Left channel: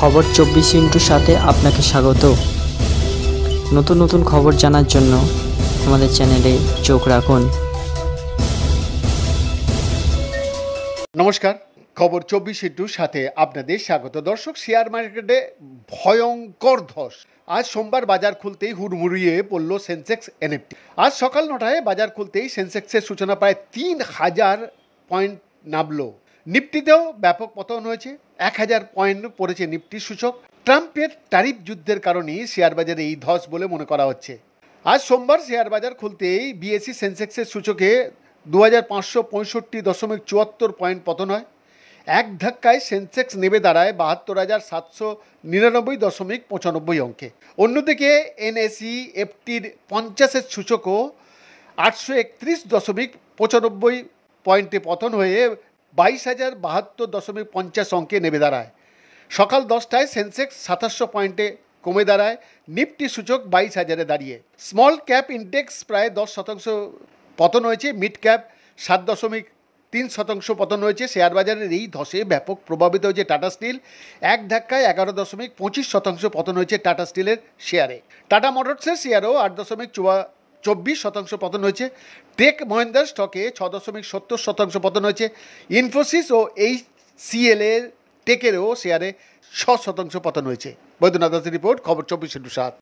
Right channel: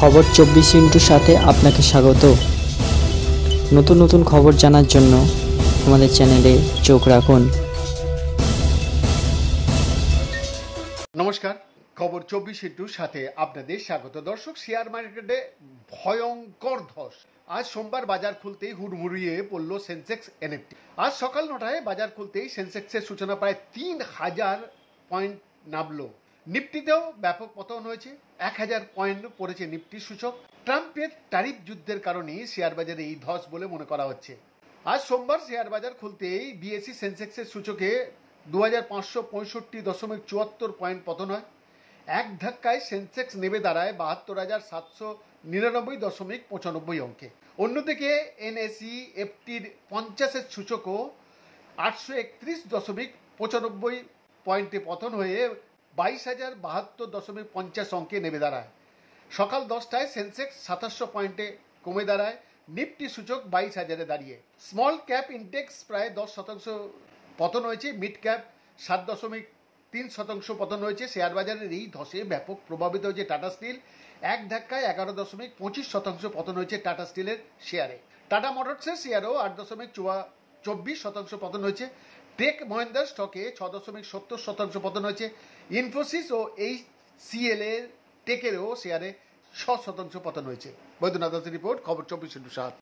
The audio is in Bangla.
খবর 24 সাথে আপনাকে স্বাগত। নতুন নতুন খবর জানার জন্য আমাদের চ্যানেলে চোখ রাখুন। নমস্কার, খবর 24 সাথে আপনাদের স্বাগত। দর্শক, শেয়ার মার্কেটে ভয়ঙ্কর ধস। আজ সোমবার বাজার খুলতেই হুড়মুড়িয়ে পড়ল সেন্সেক্স এনএফটি। আজ সকাল 9টায় বাজার খুলতেই সেন্সেক্সের সূচনা প্রায় 3000 পয়েন্ট নামল। নিফটিতেও ব্যাপক পতন হয়েছে, 1000 পয়েন্ট পড়েছে নিফটির সূচক। ট্রাম্পের ট্যারিফ যুদ্ধের কারণেই শেয়ার বাজারে এই ধস বলে মনে করা হচ্ছে। আজ সোমবার শেয়ার বাজার খুলতেই বিএসসি সেন্সেক্সের সূচকে 2565.74 পয়েন্ট পতন হয়। এক ধাক্কায় সেন্সেক্স নেমে দাঁড়ায় 72,799.95 অঙ্কে। অন্যদিকে এনএসই এফটির 50-এর সূচকও 831.95 পয়েন্টে পতন হয়ে 22,072.50 অঙ্কে নেমে দাঁড়ায়। সকাল 10টায় সেন্সেক্স 2700 পয়েন্টে কমে দাঁড়ায়। নিফটি সূচক 22,000-এ দাঁড়িয়ে। স্মল ক্যাপ ইন্ডেক্স প্রায় 10% পতন হয়েছে। মিড ক্যাপ 7.3% পতন হয়েছে। শেয়ার বাজারের এই ধসে ব্যাপক প্রভাবিত হয়েছে টাটা স্টিল। এক ধাক্কায় 11.25% পতন হয়েছে টাটা স্টিলের শেয়ারে। টাটা মোটরসের শেয়ারও 8.24% পতন হয়েছে। টেক মহিন্দ্রা স্টকে 6.70% পতন হয়েছে। ইনফোসিস ও এইচসিএল এর টেকেরও শেয়ারে 6% পতন হয়েছে। বৈদ্যনাথ দাসের রিপোর্ট, খবর 24/7।